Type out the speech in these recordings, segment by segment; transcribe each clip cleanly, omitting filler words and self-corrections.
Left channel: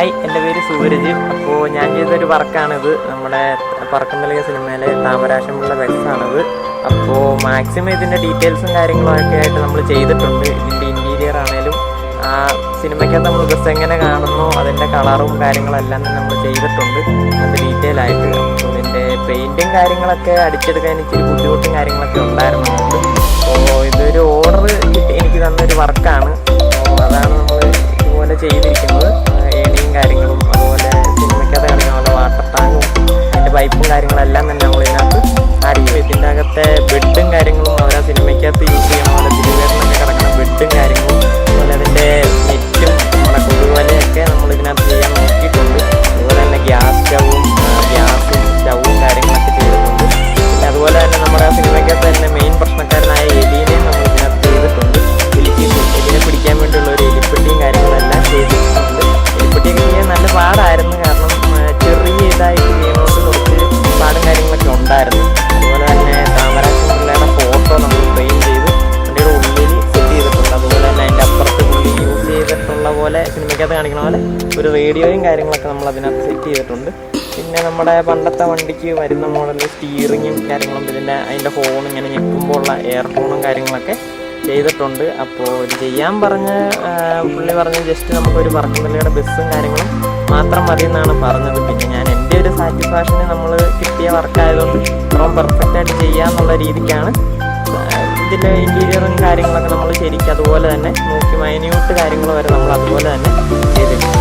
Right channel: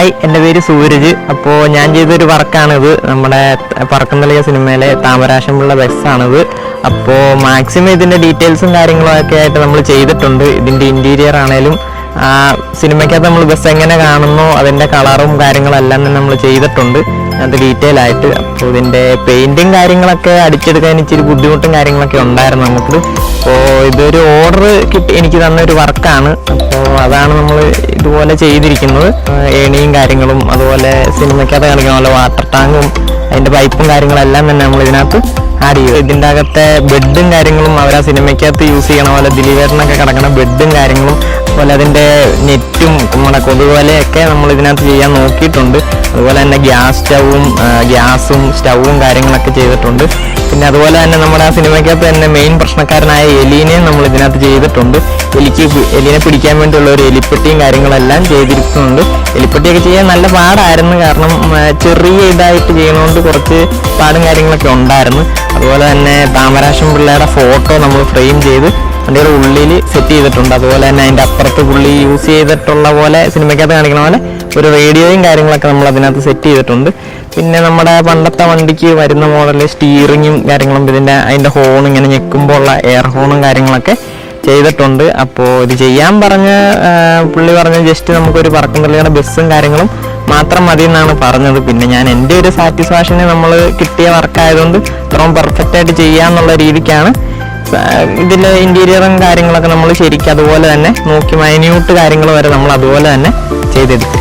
Hi, എൻ്റെ പേര് സൂരജ്. അപ്പോൾ ഞാൻ ചെയ്തൊരു വർക്കാണിത്. നമ്മുടെ പറക്കുന്തളിക സിനിമയിലെ താമരാശമുള്ള ബസ്സാണിത്. അപ്പോൾ മാക്സിമം ഇതിൻ്റെ ഡീറ്റെയിൽസും കാര്യങ്ങളൊക്കെ ആയിട്ട് നമ്മൾ ചെയ്തിട്ടുണ്ട്. ഇതിൻ്റെ ഇൻറ്റീരിയർ ആണേലും സിനിമയ്ക്കകത്ത് നമ്മൾ ബസ് എങ്ങനെ കാണുന്നോ അതിൻ്റെ കളറും കാര്യങ്ങളെല്ലാം തന്നെ നമ്മൾ ചെയ്തിട്ടുണ്ട് അത് ഡീറ്റെയിൽ ആയിട്ട്. അപ്പോൾ ഇതിൻ്റെ പെയിൻറ്റും കാര്യങ്ങളൊക്കെ അടിച്ചെടുക്കാൻ ഇച്ചിരി ബുദ്ധിമുട്ടും കാര്യങ്ങളൊക്കെ ഉണ്ടായിരുന്നു നമുക്ക്. അപ്പോൾ ഇതൊരു ഓർഡർ കിട്ടി എനിക്ക് തന്നൊരു വർക്കാണ്. അപ്പോൾ അതാണ് നമ്മൾ ഇതുപോലെ ചെയ്തിരിക്കുന്നത്. ഏണിയും കാര്യങ്ങളും അതുപോലെ സിനിമയ്ക്കകത്ത് കാണിക്കുന്ന പോലെ വാട്ടർ ടാങ്കും അതിൻ്റെ പൈപ്പും കാര്യങ്ങളെല്ലാം തന്നെ നമ്മൾ ഇതിനകത്ത് ആഡ് ചെയ്യും. ഇതിൻ്റെ അകത്തെ ബെഡും കാര്യങ്ങളും അവർ ആ സിനിമയ്ക്കകത്ത് യൂസ് ചെയ്യണ പോലെ ദിലീപേട്ടനൊക്കെ കിടക്കുന്ന ബെഡും കാര്യങ്ങളും അതുപോലെ അതിൻ്റെ നെറ്റും നമ്മുടെ കൊതുകുവലയൊക്കെ നമ്മൾ ഇതിനകത്ത് ചെയ്യാൻ നോക്കിയിട്ടുണ്ട്. അതുപോലെ തന്നെ ഗ്യാസും സ്റ്റൗവും കാര്യങ്ങളൊക്കെ ചെയ്തിട്ടുണ്ട്. പിന്നെ അതുപോലെ തന്നെ നമ്മുടെ ആ സിനിമയ്ക്കകത്ത് തന്നെ മെയിൻ പ്രശ്നക്കാരനായ എലീനെയും നമ്മൾ ഇതിനകത്ത് ചെയ്തിട്ടുണ്ട്. എലിനെ പിടിക്കാൻ വേണ്ടിയുള്ള ഒരു എലിപ്പെട്ടിയും കാര്യങ്ങളെല്ലാം ചെയ്തിരിക്കുന്നുണ്ട്. എലിപ്പെട്ടിയൊക്കെ ചെയ്യാൻ നല്ല പാടായിരുന്നു, കാരണം ചെറിയ ഇതായിട്ട് ചെയ്യണോണ്ട് കുറച്ച് പാടും കാര്യങ്ങളൊക്കെ ഉണ്ടായിരുന്നു. അതുപോലെ തന്നെ താമരാശം പിള്ളേരുടെ ഫോട്ടോ നമ്മൾ ഫ്രെയിം ചെയ്ത് അതിൻ്റെ ഒരു ഉള്ളിൽ സെറ്റ് ചെയ്തിട്ടുണ്ട്. അതുപോലെ തന്നെ അതിൻ്റെ അപ്പുറത്ത് പുള്ളി യൂസ് ചെയ്തിട്ടുള്ള പോലെ സിനിമയ്ക്കകത്ത് കാണിക്കണ പോലെ ഒരു റേഡിയോയും കാര്യങ്ങളൊക്കെ നമ്മൾ അതിനകത്ത് സെറ്റ് ചെയ്തിട്ടുണ്ട്. പിന്നെ നമ്മുടെ പണ്ടത്തെ വണ്ടിക്ക് വരുന്ന മോഡലിൽ സ്റ്റീറിങ്ങും കാര്യങ്ങളും അതിൻ്റെ ഹോൺ ഇങ്ങനെ ഞെക്കുമ്പോൾ ഉള്ള എയർ ഹോണും കാര്യങ്ങളൊക്കെ ചെയ്തിട്ടുണ്ട്. അപ്പോൾ ഇത് ചെയ്യാൻ പുള്ളി പറഞ്ഞ ജസ്റ്റ് നമുക്കൊരു പറക്കുന്തളിയുടെ ബസ്സും കാര്യങ്ങളും മാത്രം മതി എന്നാണ് പറഞ്ഞത്. പിന്നെ ഞാൻ എൻ്റെ ഒരു സാറ്റിസ്ഫാക്ഷന് നമ്മൾ കിട്ടിയ വർക്കായതുകൊണ്ട് ഇത്രയും പെർഫെക്റ്റ് ആയിട്ട് ചെയ്യാന്നുള്ള രീതിക്കാണ് ഇതിൽ ഇൻറ്റീരിയറും കാര്യങ്ങളൊക്കെ നമ്മൾ ശരിക്കും അതുപോലെ തന്നെ നോക്കി മൈന്യൂട്ട് കാര്യങ്ങൾ വരെ നമ്മൾ അതുപോലെ തന്നെ ചെയ്തെടുത്തു.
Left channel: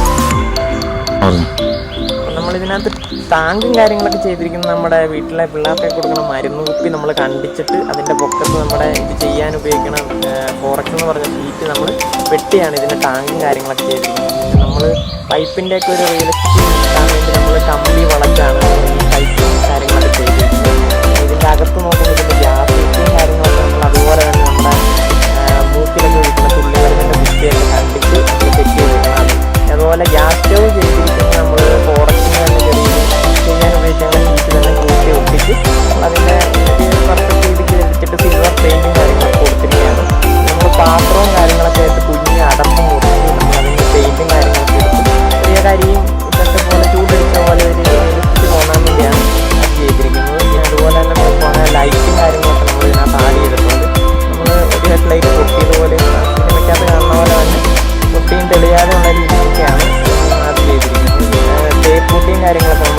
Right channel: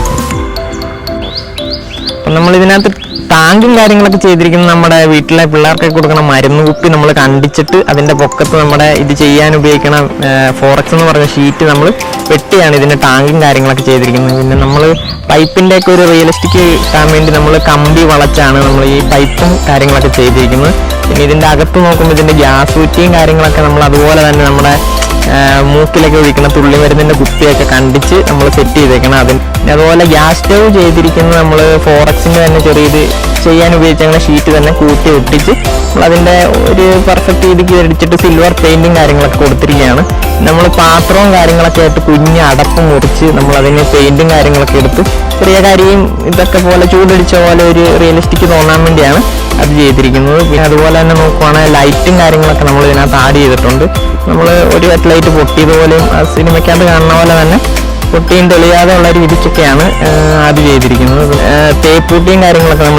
അപ്പം നമ്മൾ ഇതിനകത്ത് ടാങ്കും കാര്യങ്ങളൊക്കെ ചെയ്തിരിക്കുന്നത് നമ്മുടെ വീട്ടിലെ പിള്ളേർക്കൊക്കെ കൊടുക്കുന്ന മരുന്ന് കുപ്പി നമ്മൾ കണ്ടിച്ചിട്ട് അതിൻ്റെ പൊക്കത്ത് നമ്മുടെ ഇത് ചെയ്യാൻ ഉപയോഗിക്കണ ഫോറക്സ് എന്ന് പറഞ്ഞ ഷീറ്റ് നമ്മൾ വെട്ടിയാണ് ഇതിൻ്റെ ടാങ്കും കാര്യങ്ങളൊക്കെ ചെയ്തിരിക്കുന്നത്. പിന്നെ നമ്മൾ പൈപ്പിൻ്റെ ഒക്കെ ഒരു റിയലിസ്റ്റിക് കിട്ടാൻ വേണ്ടി നമ്മൾ കമ്പി വളച്ചാണ് നമ്മൾ ഈ പൈപ്പും കാര്യങ്ങളൊക്കെ ചെയ്തിരിക്കുന്നത്. പിന്നെ ഇതിൻ്റെ അകത്ത് നോക്കുമ്പോൾ ഇതിൻ്റെ ഗ്യാസ് കുറ്റിയും കാര്യങ്ങളൊക്കെ നമ്മൾ അതുപോലെ തന്നെ നമ്മുടെ മൂക്കിലൊക്കെ ഒഴിക്കുന്ന തുള്ളി മരുന്നിൻ്റെ കുപ്പിയൊക്കെ കണ്ടിച്ച് നമ്മൾ സെറ്റ് ചെയ്തേക്കണം. പിന്നെ അതുപോലെ ഗ്യാസ് സ്റ്റവ് ചെയ്തിരിക്കുന്നത് നമ്മൾ ഫോറക്സിൻ്റെ തന്നെ ചെറിയത് ചെയ്യാൻ ഉപയോഗിച്ച ഷീറ്റ് തന്നെ കൂട്ടി ഒട്ടിച്ച് നമ്മളതിൻ്റെ ഒരു പെർഫെക്റ്റ് രീതിക്ക് അടിച്ചിട്ട് സിൽവർ പെയിൻറ്റും കാര്യങ്ങളൊക്കെ കൊടുത്തിരിക്കുകയാണ്. നമ്മൾ പാത്രവും കാര്യങ്ങളൊക്കെ ആയിട്ട് കുഞ്ഞ് അടപ്പ് മുറിച്ച് നമ്മൾ അതിന് പെയിൻറ്റും കാര്യങ്ങളൊക്കെ എടുത്ത് ചെറിയ കാര്യം ഇതൊക്കെ പോലെ ചൂടടിച്ച പോലെ ഒരു റിയലിസ്റ്റിക് തോന്നാൻ വേണ്ടിയാണ് അത് ചെയ്തിരിക്കുന്നത്. പിന്നെ അതുപോലെ തന്നെ നോക്കുവാണെങ്കിൽ ലൈറ്റും കാര്യങ്ങളൊക്കെ നമ്മൾ ഇതിനകത്ത് ആഡ് ചെയ്തിട്ടുണ്ട്. നമ്മൾ ഒരു ലൈറ്റ് പൊട്ടിയതുപോലെയും സിനിമയ്ക്കകത്ത് കാണുന്ന പോലെ തന്നെ പൊട്ടിയും തെളിയാതെ ഉള്ള രീതിക്കൊക്കെയാണ് ആഡ് ചെയ്തിരിക്കുന്നത്. തേപ്പൂട്ടിയും കാര്യങ്ങളൊക്കെ നമ്മൾ